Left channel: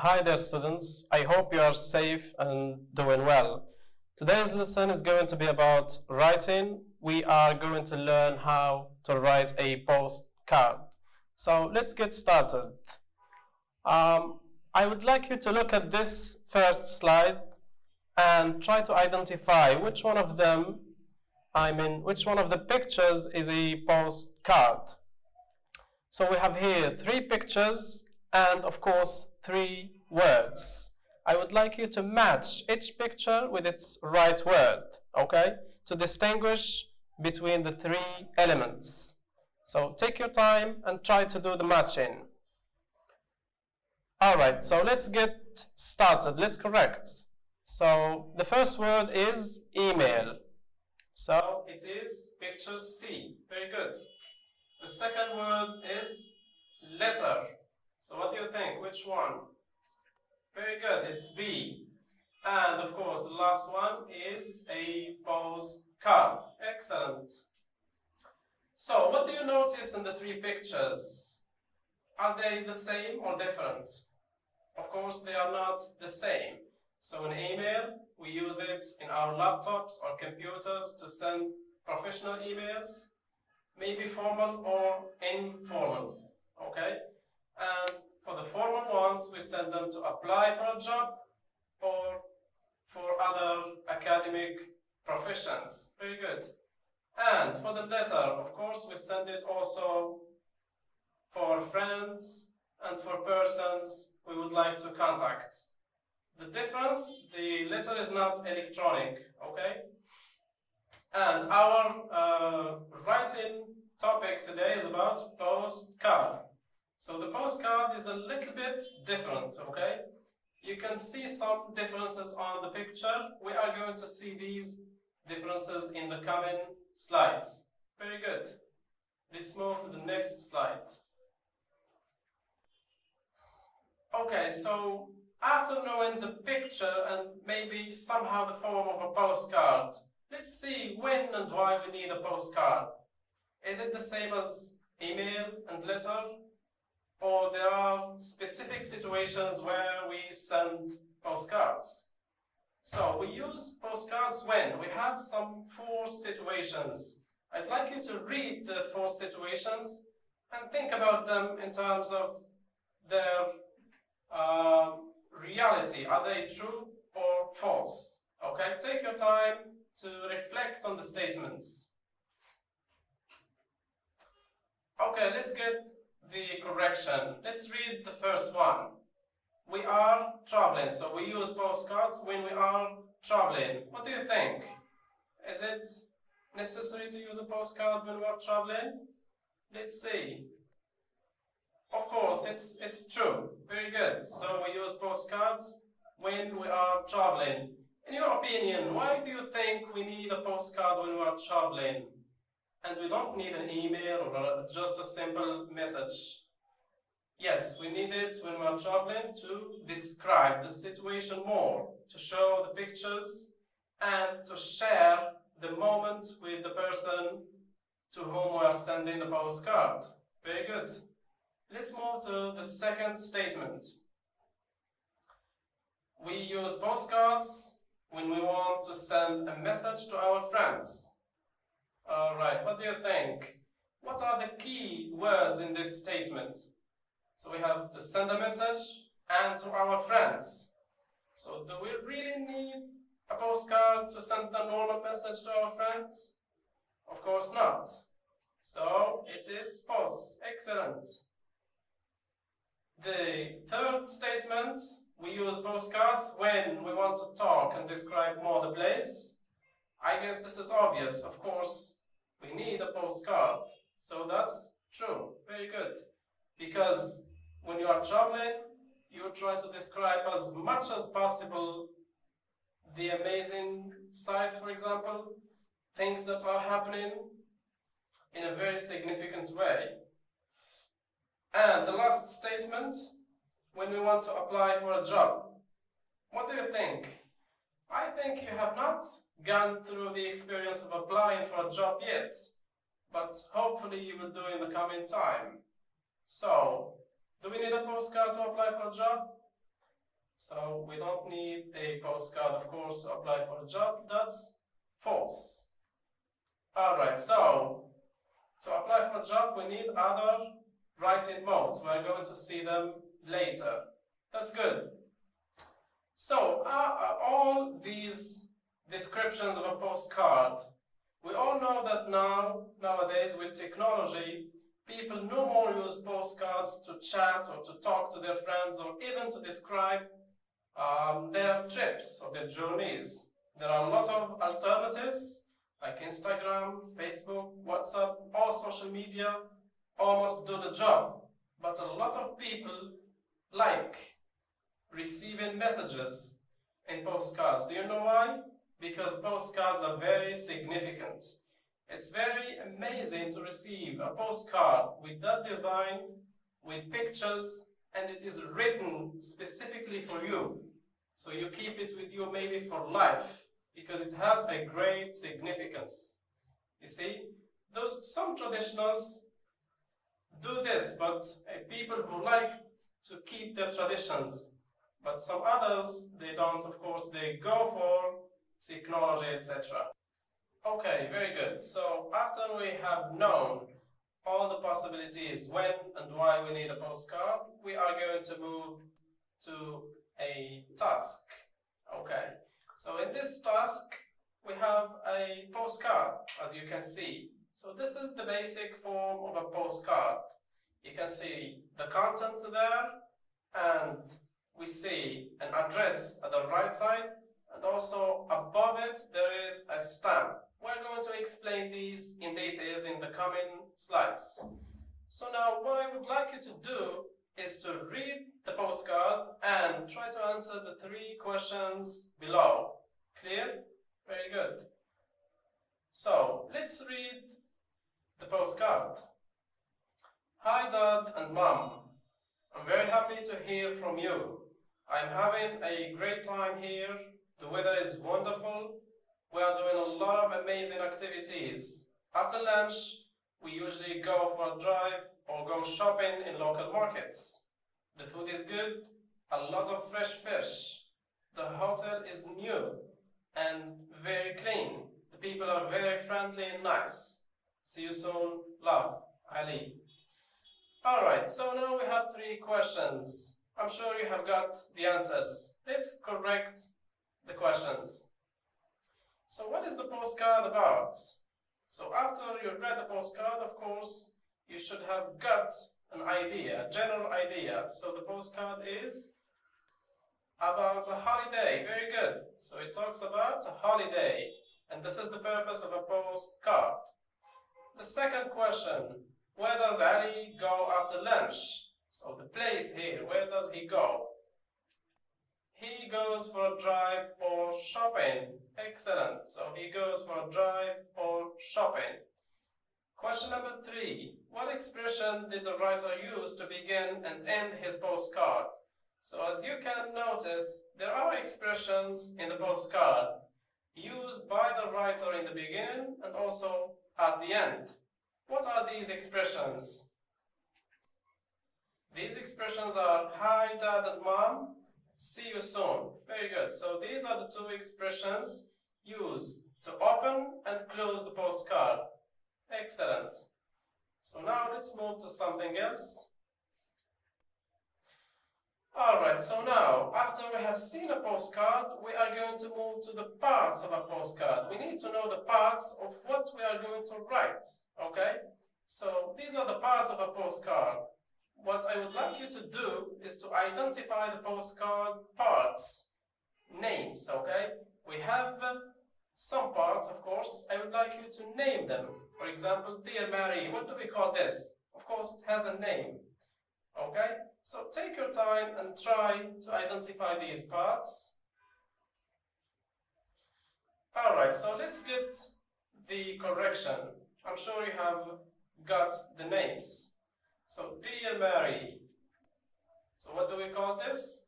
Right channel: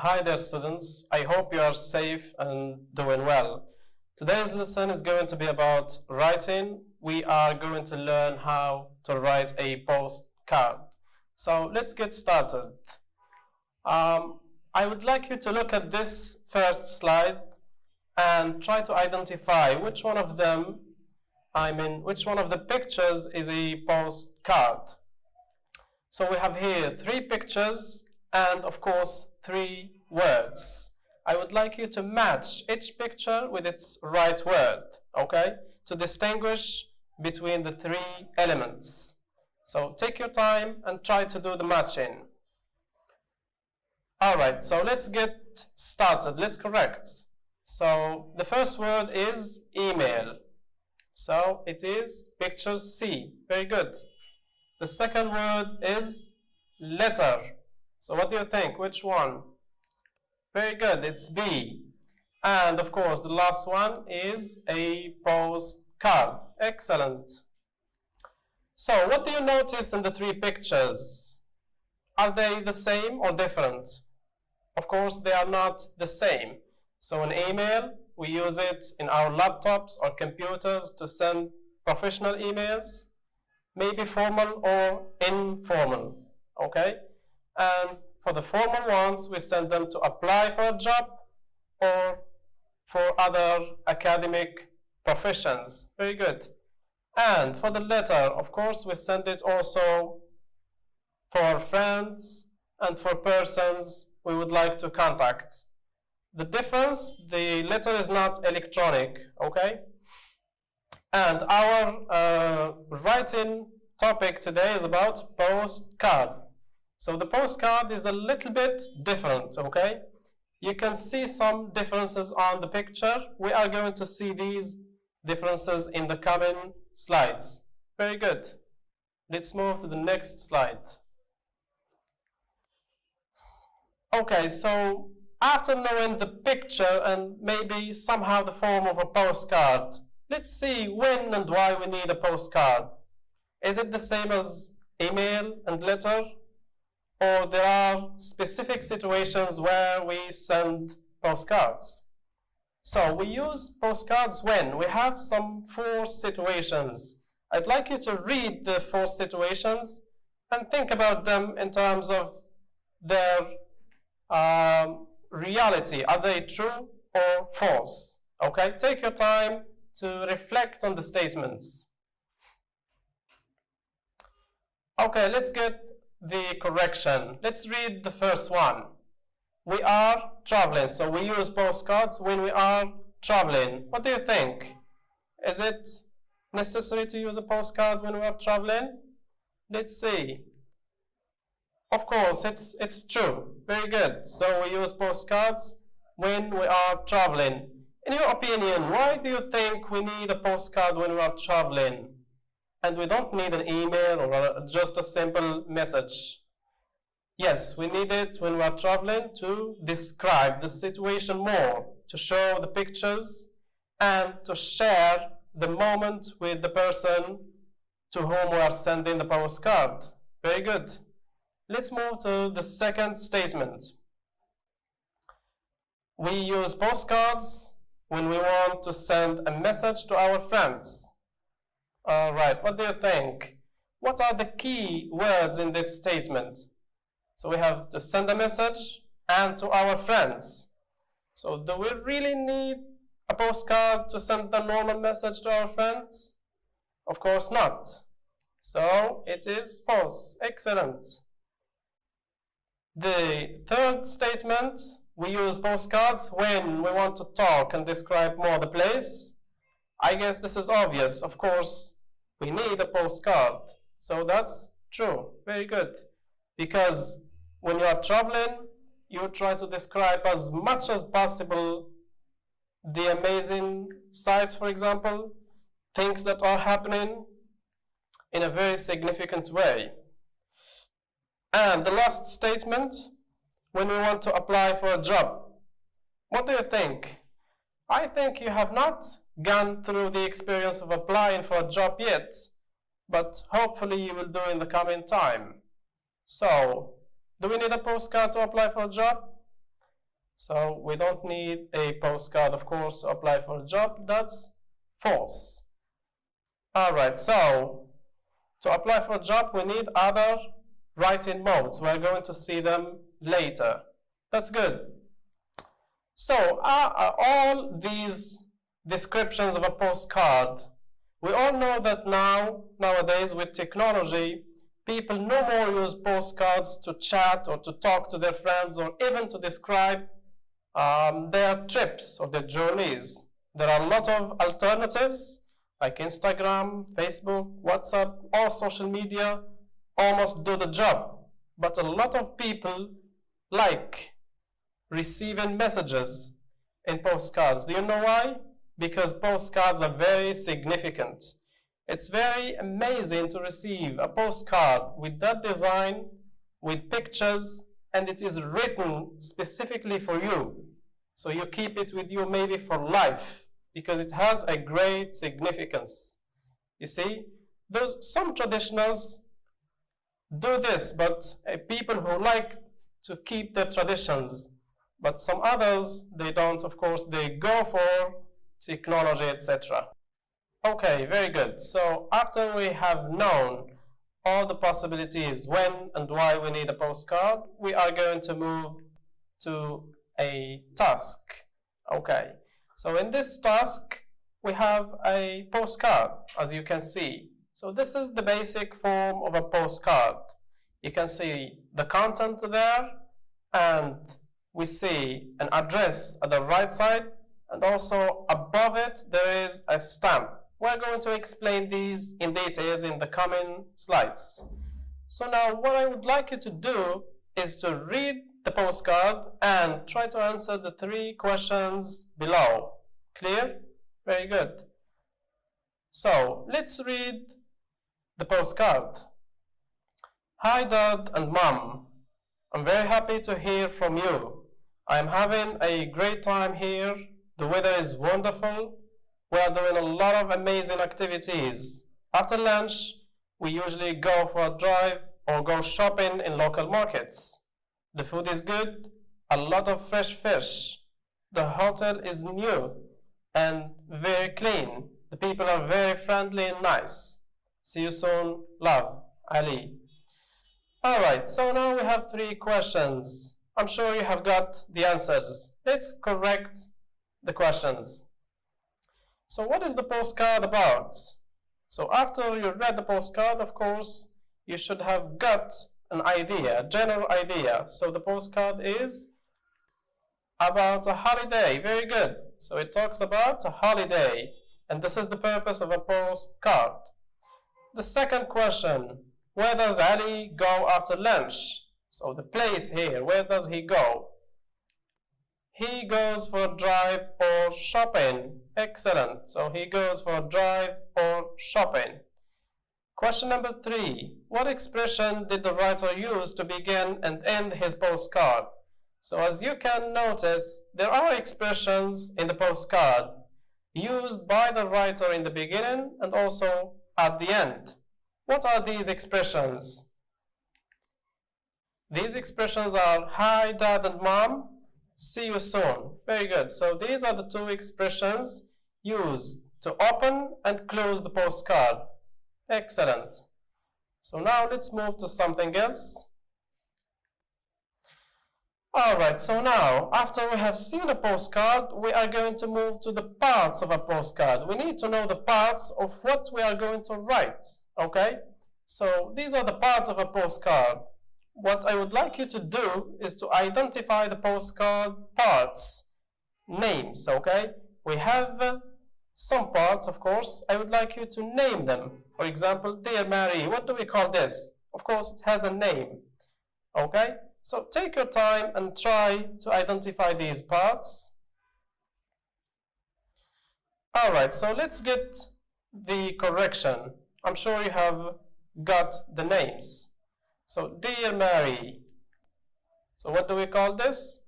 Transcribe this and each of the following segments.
Hi there, students. I hope you are safe and doing well. Today's lesson is going to be about writing. We are going to learn how to write a postcard. So let's get started. I would like you to look at this first slide and try to identify which one of them, which one of the pictures is a postcard. So we have here 3 pictures and of course 3 words. I would like you to match each picture with its right word, okay? To distinguish between the 3 elements. So take your time and try to do the matching. Alright, so let's get started. Let's correct. So the first word is email. So it is picture C. Very good. The second word is letter. So what do you think? Which one? Very good. It's B. And of course, the last one is a postcard. Excellent. So what do you notice in the 3 pictures? Are they the same or different? Of course, they are not the same. So in email, we use it in our laptops or computers to send professional emails, maybe formal or informal, okay? And for the formal ones, we send them to apply for a job or for other academic professions. Very good. And for the letter, of course, we send it also for friends and for persons we would like to contact. The difference, the letter is not electronic, okay? And our writing topic today is about postcard. So the postcard is a little bit different, okay? You can see some differences on the picture. We are going to see these differences in the coming slides. Very good. Let's move to the next slide. Okay, so after knowing the picture and maybe somehow the form of a postcard, let's see when and why we need a postcard. Is it the same as email and letter? Or there are specific situations where we send postcards? So we use postcards when we have some 4 situations. I'd like you to read the 4 situations and think about them in terms of their reality. Are they true or false? Okay, take your time to reflect on the statements. Okay, let's get the correction. Let's read the first one. We are traveling. So we use postcards when we are traveling. What do you think? Is it necessary to use a postcard when we are traveling? Let's see. Of course, it's true. Very good. So we use postcards when we are traveling. In your opinion, why do you think we need a postcard when we are traveling? And we don't need an email or just a simple message. Yes, we need it when we are traveling to describe the situation more, to show the pictures, and to share the moment with the person to whom we are sending the postcard. Very good. Let's move to the second statement. We use postcards when we want to send a message to our friends. All right, what do you think? What are the key words in this statement? So we have to send a message and to our friends. So do we really need a postcard to send a normal message to our friends? Of course not. So it is false. Excellent. The third statement, we use postcards when we want to talk and describe more the place. I guess this is obvious. Of course, we need a postcard. So that's true. Very good. Because when you are traveling, you try to describe as much as possible the amazing sights, for example, things that are happening in a very significant way. And the last statement, when we want to apply for a job. What do you think? I think you have not gone through the experience of applying for a job yet, but hopefully you will do in the coming time. So, do we need a postcard to apply for a job? So we don't need a postcard, of course, to apply for a job. That's false. All right, so to apply for a job, we need other writing modes. We're going to see them later. That's good. So are all these descriptions of a postcard? We all know that nowadays with technology, people no more use postcards to chat or to talk to their friends or even to describe their trips or their journeys. There are a lot of alternatives like Instagram, Facebook, WhatsApp, all social media almost do the job. But a lot of people like receiving messages in postcards. Do you know why? Because postcards are very significant. It's very amazing to receive a postcard with that design, with pictures, and it is written specifically for you. So you keep it with you maybe for life, because it has a great significance. You see, some traditionals do this, but people who like to keep their traditions, but some others, they don't, of course, they go for technology, etc. Okay, very good. So after we have known all the possibilities when and why we need a postcard, we are going to move to a task. Okay, so in this task, we have a postcard, as you can see. So this is the basic form of a postcard. You can see the content there, and we see an address at the right side, and also above it there is a stamp. We're going to explain these in details in the coming slides. So now what I would like you to do is to read the postcard and try to answer the 3 questions below. Clear? Very good. So let's read the postcard. Hi Dad and Mom, I'm very happy to hear from you. I'm having a great time here. The weather is wonderful. We are doing a lot of amazing activities. After lunch, we usually go for a drive or go shopping in local markets. The food is good, a lot of fresh fish. The hotel is new and very clean. The people are very friendly and nice. See you soon. Love, Ali. Alright, so now we have 3 questions. I'm sure you have got the answers. Let's correct the questions. So what is the postcard about? So after you read the postcard, of course, you should have got an idea, a general idea. So the postcard is about a holiday. Very good. So it talks about a holiday, and this is the purpose of a postcard. The second question, where does Ali go after lunch? So the place here, where does he go? He goes for a drive or shopping. Excellent. So he goes for a drive or shopping. Question number 3. What expression did the writer use to begin and end his postcard? So as you can notice, there are expressions in the postcard used by the writer in the beginning and also at the end. What are these expressions? These expressions are hi Dad and Mom, see you soon. Very good. So these are the 2 expressions used to open and close the postcard. Excellent. So now let's move to something else. Alright, so now after we have seen a postcard, we are going to move to the parts of a postcard. We need to know the parts of what we are going to write. Okay? So these are the parts of a postcard. What I would like you to do is to identify the postcard parts, names, okay? We have some parts, of course. I would like you to name them. For example, Dear Mary, what do we call this? Of course, it has a name, okay? So take your time and try to identify these parts. All right, so let's get the correction. I'm sure you have got the names. So, Dear Mary. So what do we call this?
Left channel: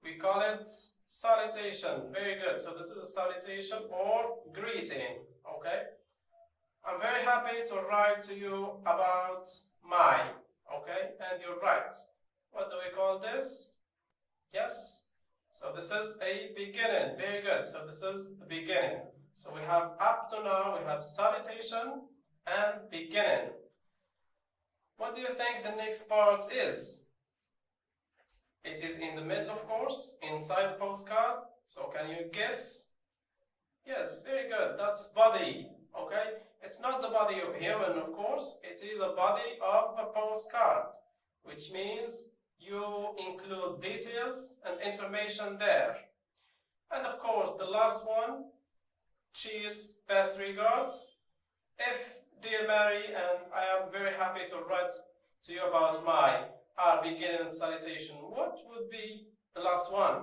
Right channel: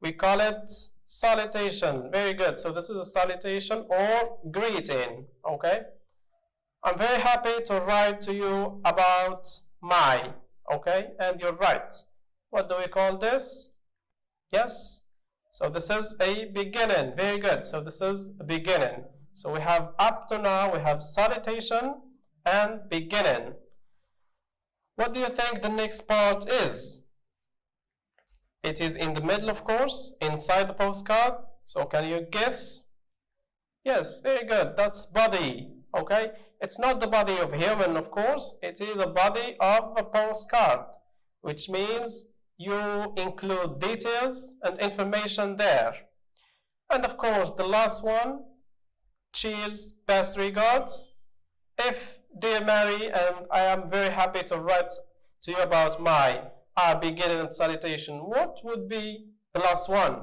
We call it salutation. Very good. So this is a salutation or greeting. Okay? I'm very happy to write to you about my. Okay? And you're right. What do we call this? Yes? So this is a beginning. Very good. So this is a beginning. So we have up to now, we have salutation and beginning. What do you think the next part is? It is in the middle, of course, inside the postcard. So can you guess? Yes, very good. That's body. Okay? It's not the body of human, of course. It is a body of a postcard, which means you include details and information there. And of course, the last one, cheers, best regards. If, dear Mary, and I am very happy to write to you about my beginning and salutation, what would be the last one?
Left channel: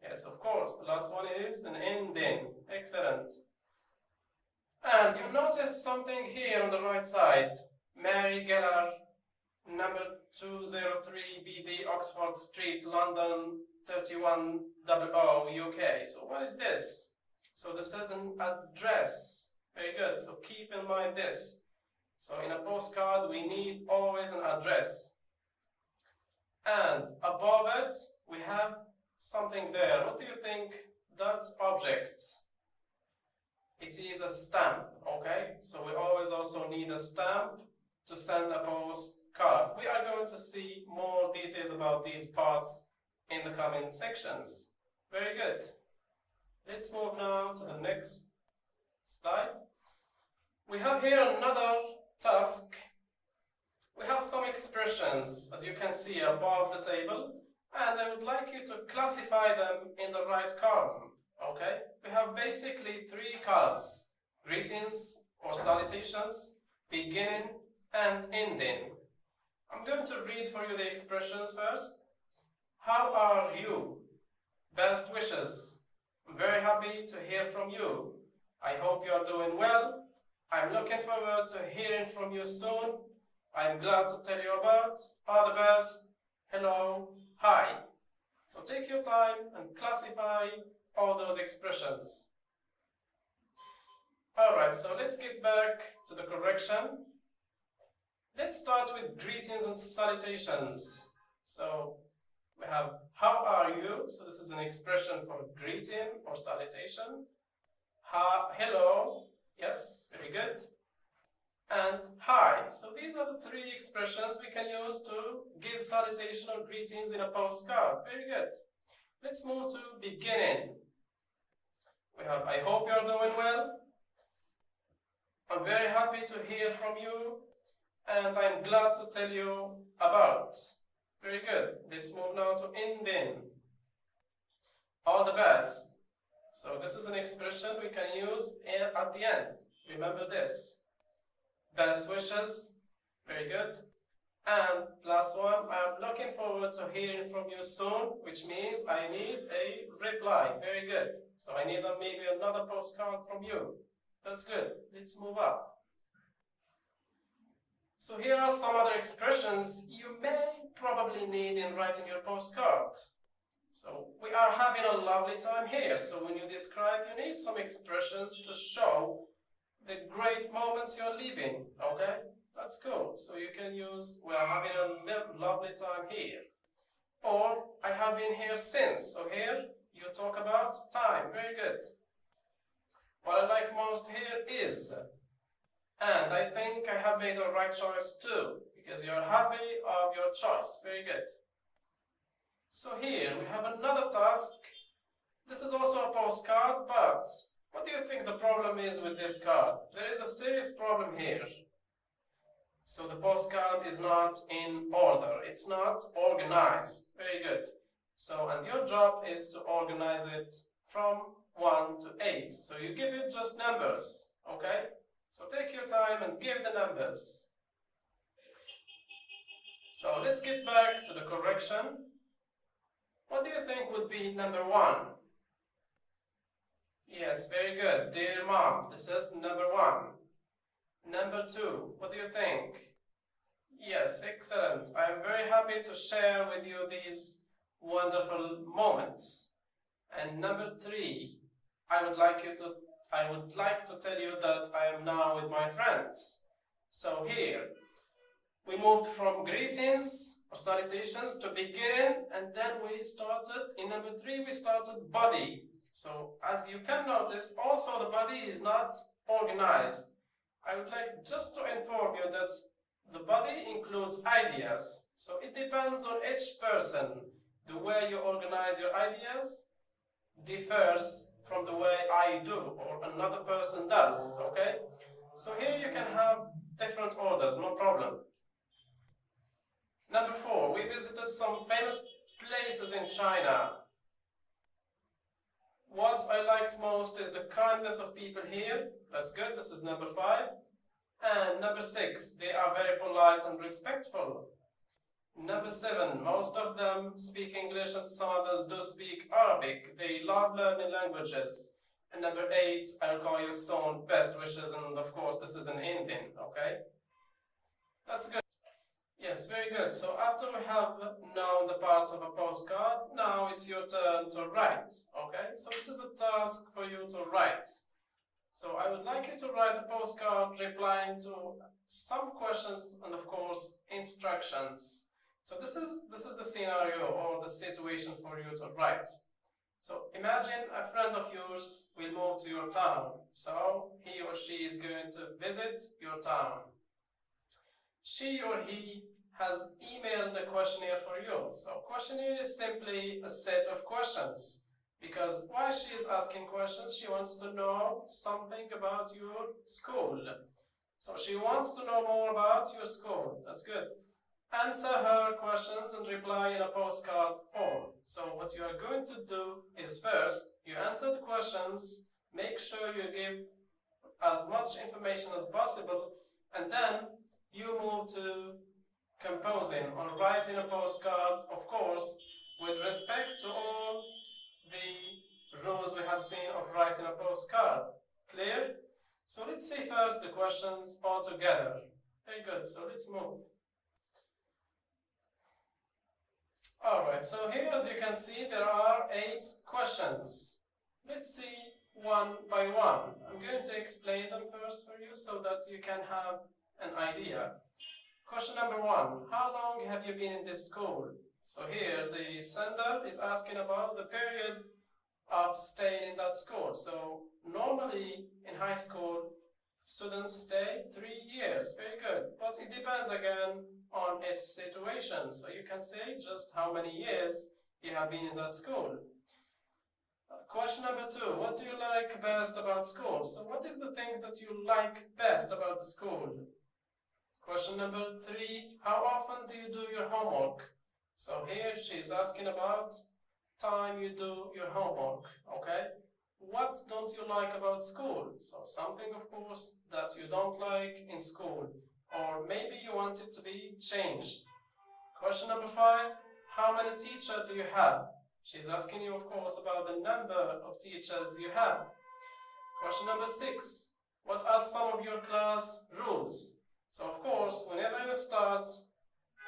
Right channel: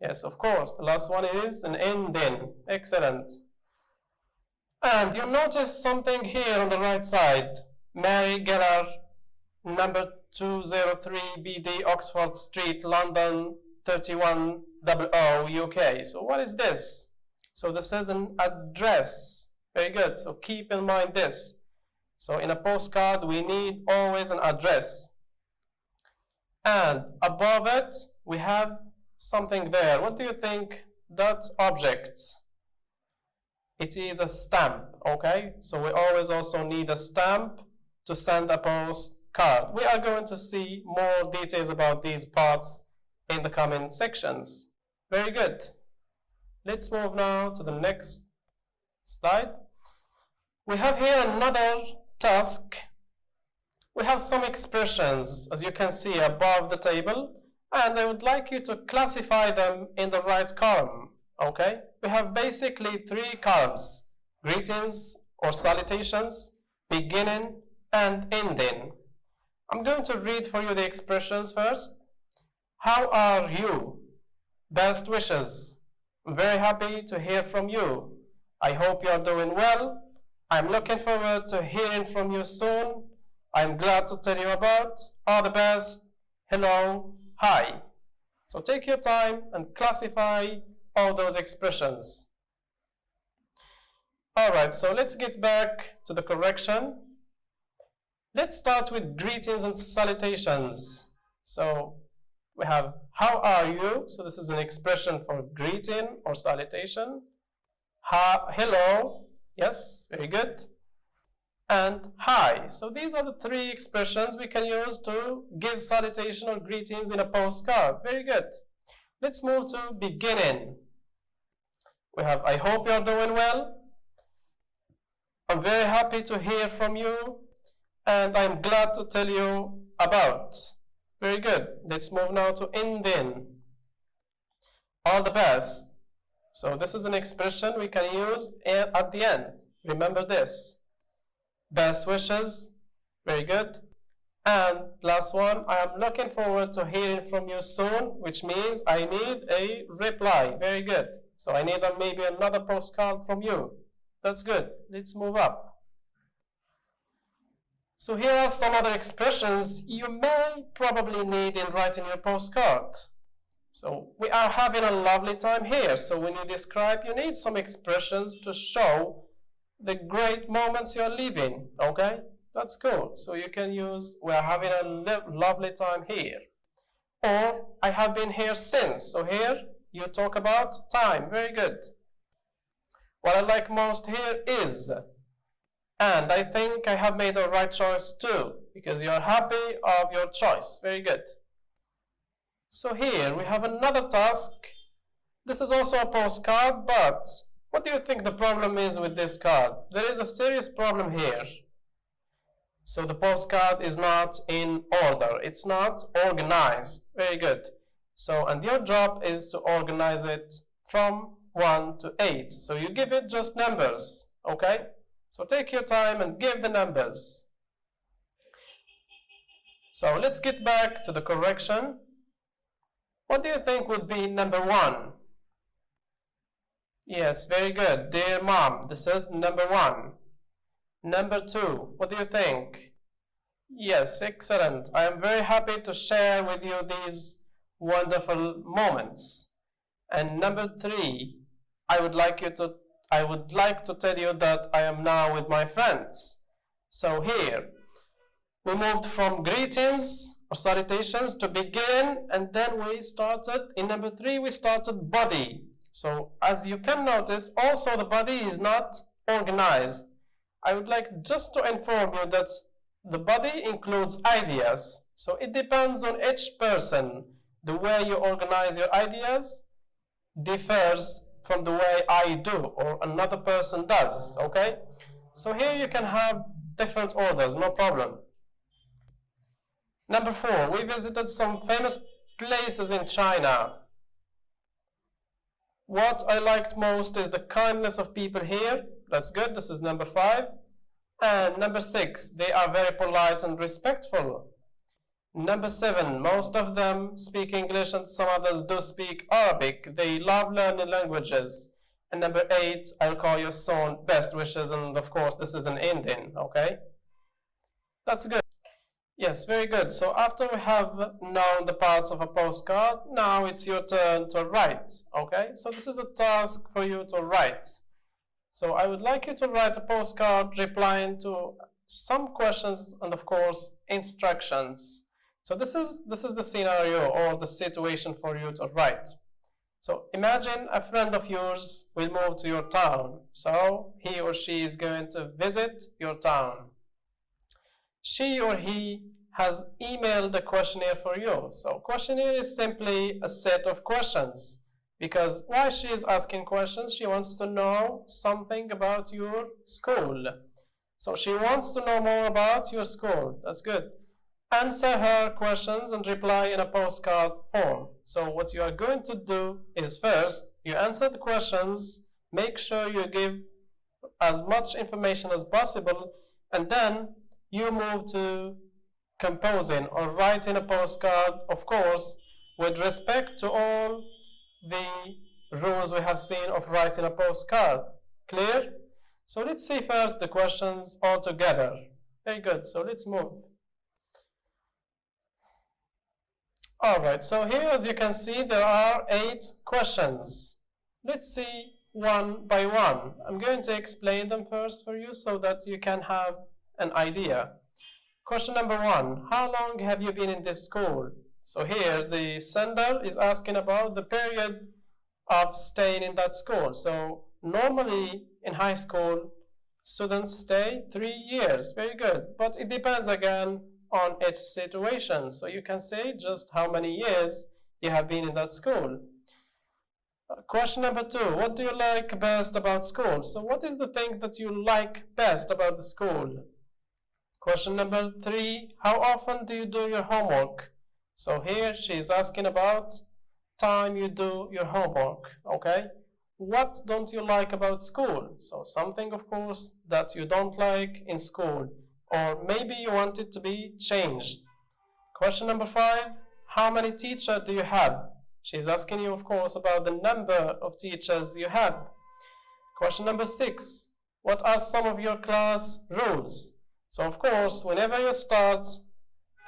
Yes, of course, the last one is an ending. Excellent. And you notice something here on the right side. Mary Geller, number 203 BD, Oxford Street, London, 3100 UK. So what is this? So this is an address. Very good. So keep in mind this. So in a postcard, we need always an address. And above it, we have something there. What do you think that object? It is a stamp, okay? So we always also need a stamp to send a postcard. We are going to see more details about these parts in the coming sections. Very good. Let's move now to the next slide. We have here another task. We have some expressions, as you can see above the table, and I would like you to classify them in the right column, okay? We have basically three columns: greetings or salutations, beginning, and ending. I'm going to read for you the expressions first. How are you? Best wishes. I'm very happy to hear from you. I hope you are doing well. I'm looking forward to hearing from you soon. I'm glad to tell you about. All the best. Hello. Hi. So take your time and classify all those expressions. All right, so let's get back to the correction. Let's start with greetings and salutations. So we have how are you? So this is an expression for greeting or salutation. Hello. Yes, very good. And hi. So these are the three expressions we can use to give salutation or greetings in a postcard. Very good. Let's move to beginning. We have I hope you're doing well. I'm very happy to hear from you, and I'm glad to tell you about. Very good. Let's move now to ending. All the best. So this is an expression we can use at the end. Remember this. Best wishes. Very good. And last one, I am looking forward to hearing from you soon, which means I need a reply. Very good. So I need maybe another postcard from you. That's good. Let's move up. So here are some other expressions you may probably need in writing your postcard. So we are having a lovely time here. So when you describe, you need some expressions to show the great moments you're living. Okay? That's cool. So you can use, we are having a lovely time here. Or, I have been here since. So here, you talk about time. Very good. What I like most here is, and I think I have made the right choice too, because you're happy of your choice. Very good. So here, we have another task. This is also a postcard, but what do you think the problem is with this card? There is a serious problem here. So the postcard is not in order. It's not organized. Very good. So, and your job is to organize it from 1 to 8. So you give it just numbers. Okay? So take your time and give the numbers. So let's get back to the correction. What do you think would be number 1? Yes, very good. Dear Mom, this is number 1. Number 2, what do you think? Yes, excellent. I am very happy to share with you these wonderful moments. And number 3, I would like to tell you that I am now with my friends. So here, we moved from greetings, or salutations to begin, and then we started, in number 3, we started body. So as you can notice, also the body is not organized. I would like just to inform you that the body includes ideas. So it depends on each person. The way you organize your ideas differs from the way I do or another person does, okay? So here you can have different orders, no problem. Number 4, we visited some famous places in China. What I liked most is the kindness of people here. That's good, this is number 5. And number 6, they are very polite and respectful. Number 7, most of them speak English and some others do speak Arabic. They love learning languages. And number 8, I'll call your son best wishes, and of course this is an ending, okay? That's good. Yes, very good. So after we have known the parts of a postcard, now it's your turn to write, okay? So this is a task for you to write. So I would like you to write a postcard replying to some questions and of course instructions. So this is the scenario or the situation for you to write. So imagine a friend of yours will move to your town. So he or she is going to visit your town. She or he has emailed a questionnaire for you. So questionnaire is simply a set of questions. Because why she is asking questions, she wants to know something about your school. So she wants to know more about your school. That's good. Answer her questions and reply in a postcard form. So what you are going to do is first, you answer the questions, make sure you give as much information as possible, and then you move to composing or writing a postcard, of course, with respect to all the rules we have seen of writing a postcard. Clear? So let's see first the questions all together. Very good, so let's move. Alright, so here as you can see there are 8 questions. Let's see one by one. I'm going to explain them first for you so that you can have an idea. Question number 1, how long have you been in this school? So here the sender is asking about the period of staying in that school. So normally in high school, students stay 3 years. Very good. But it depends again on each situation. So you can say just how many years you have been in that school. Question number 2, what do you like best about school? So what is the thing that you like best about the school? Question number 3, how often do you do your homework? So here she is asking about time you do your homework, okay? What don't you like about school? So something, of course, that you don't like in school, or maybe you want it to be changed. Question number 5, how many teachers do you have? She's asking you, of course, about the number of teachers you have. Question number 6, what are some of your class rules? So, of course, whenever you start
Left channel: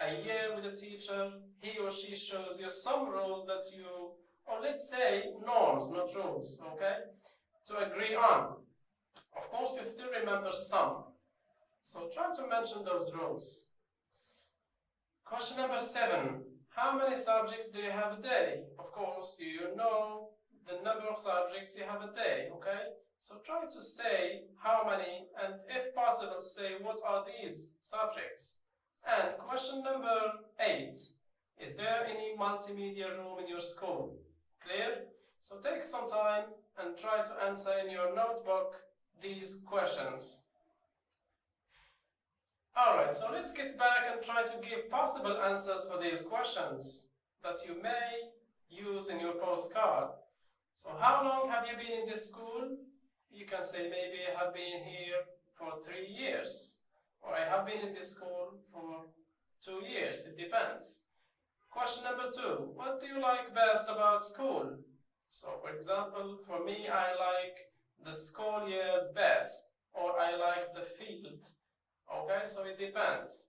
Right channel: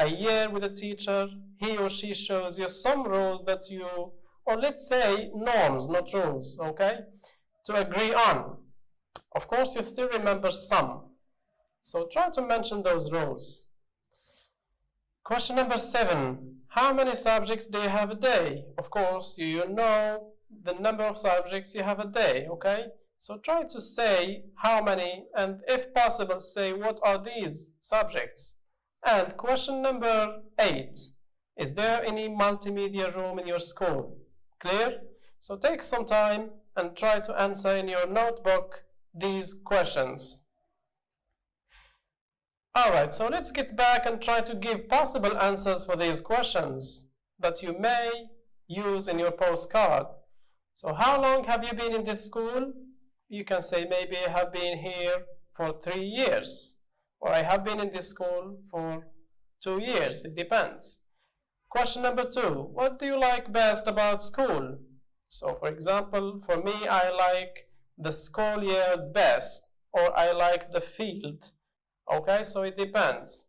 a year with a teacher, he or she shows you some rules that you, or let's say norms, not rules, okay, to agree on. Of course, you still remember some. So try to mention those rules. Question number 7, how many subjects do you have a day? Of course, you know the number of subjects you have a day, okay? So try to say how many, and if possible, say what are these subjects. And question number 8, is there any multimedia room in your school? Clear? So take some time and try to answer in your notebook these questions. Alright, so let's get back and try to give possible answers for these questions that you may use in your postcard. So how long have you been in this school? You can say maybe I have been here for 3 years, or I have been in this school for 2 years, it depends. Question number 2, what do you like best about school? So for example, for me, I like the school year best, or I like the field. Okay, so it depends.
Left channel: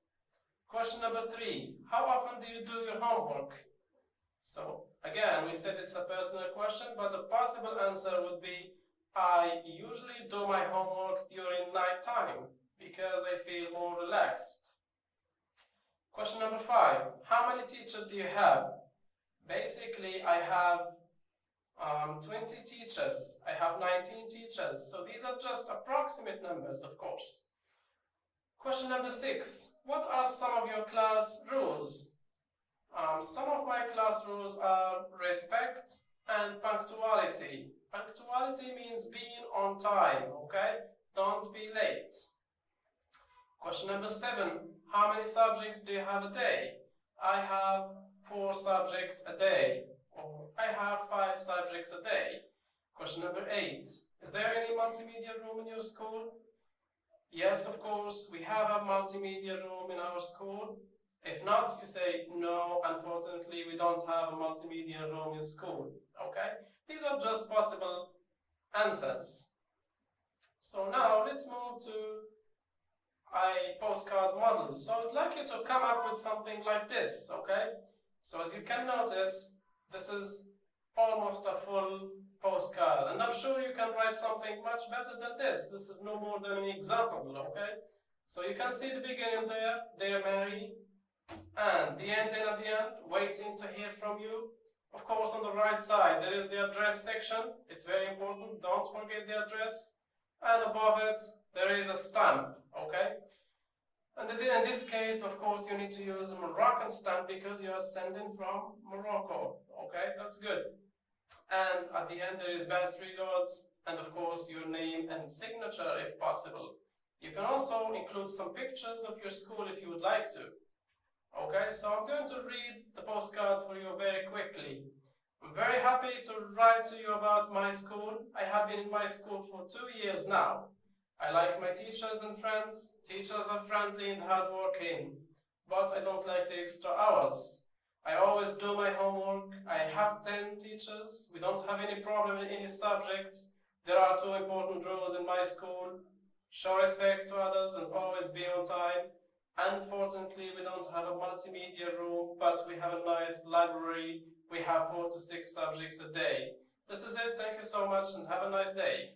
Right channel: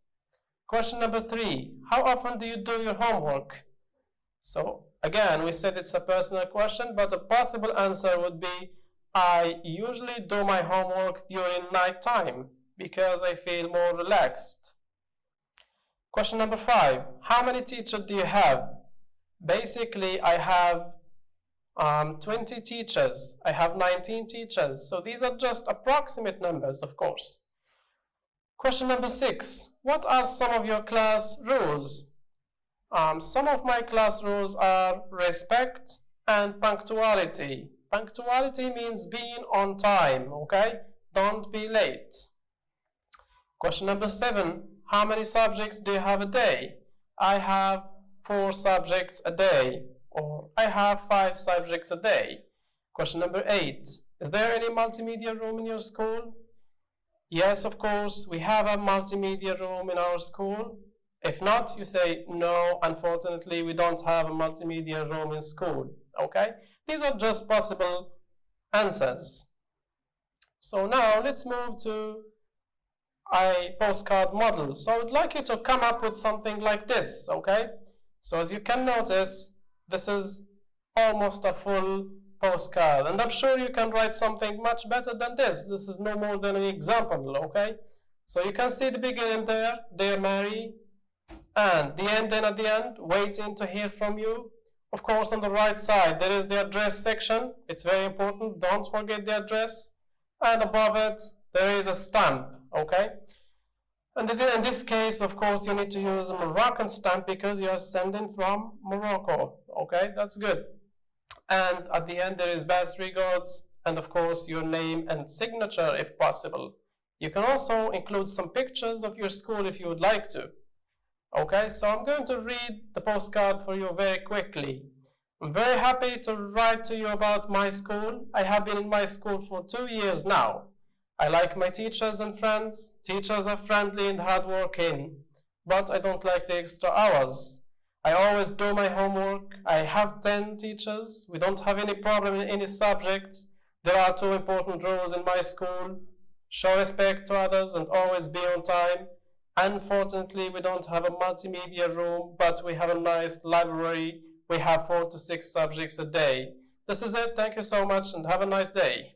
Question number 3, how often do you do your homework? So again, we said it's a personal question, but a possible answer would be, I usually do my homework during night time because I feel more relaxed. Question number 5. How many teachers do you have? Basically, I have 20 teachers. I have 19 teachers. So these are just approximate numbers, of course. Question number 6. What are some of your class rules? Some of my class rules are respect and punctuality. Punctuality means being on time, okay? Don't be late. Question number 7. How many subjects do you have a day? I have 4 subjects a day, or I have 5 subjects a day. Question number 8. Is there any multimedia room in your school? Yes, of course, we have a multimedia room in our school. If not, you say, no, unfortunately, we don't have a multimedia room in school, okay? These are just possible answers. So now let's move to a postcard model. So I'd like you to come up with something like this, okay? So as you can notice, this is almost a full postcard, and I'm sure you can write something much better than this. This is no more than an example, okay? So you can see the beginning there, dear Mary, and the ending at the end, waiting to hear from you. Of course, on the right side, there is the address section. It's very important, don't forget the address. And above it, there is a stamp, okay? And in this case, of course, you need to use a Moroccan stamp because you are sending from Morocco, okay? That's good. And at the end, there is best regards, and of course, your name and signature if possible. You can also include some pictures of your school if you would like to. Okay, so I'm going to read the postcard for you very quickly. I'm very happy to write to you about my school. I have been in my school for 2 years now. I like my teachers and friends. Teachers are friendly and hardworking, but I don't like the extra hours. I always do my homework. I have 10 teachers. We don't have any problem in any subject. There are 2 important rules in my school. Show respect to others and always be on time. Unfortunately, we don't have a multimedia room, but we have a nice library. We have 4 to 6 subjects a day. This is it. Thank you so much and have a nice day.